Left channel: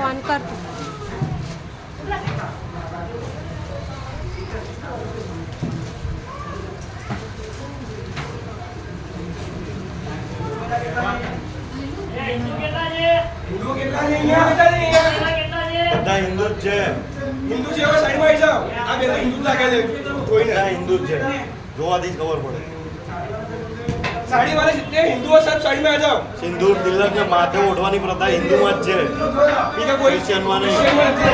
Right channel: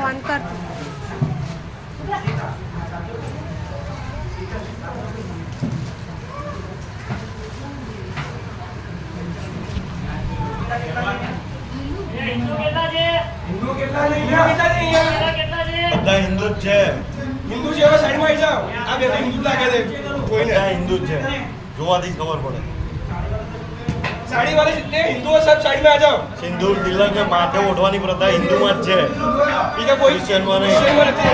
Phone કર બધા હિન્દુ જ છે. હિન્દુ છે હવે સાઈડમાં આવી જાઓ. આ બે હિન્દુ લાગે છે. કોઈને બધા હિન્દુ જ છે, જોવાથી જ ખબર પડે. સાડી વાળા जितने हिंदू हो सब साइड में आ जाओ. સિંદૂર તિલક ને માથે ઓઢવાની પ્રથા હિન્દુમાં જ છે, બીજા કોઈ ક્રિશ્ચિયનમાં નહીં. ક્રિશ્ચિયનમાં નથી.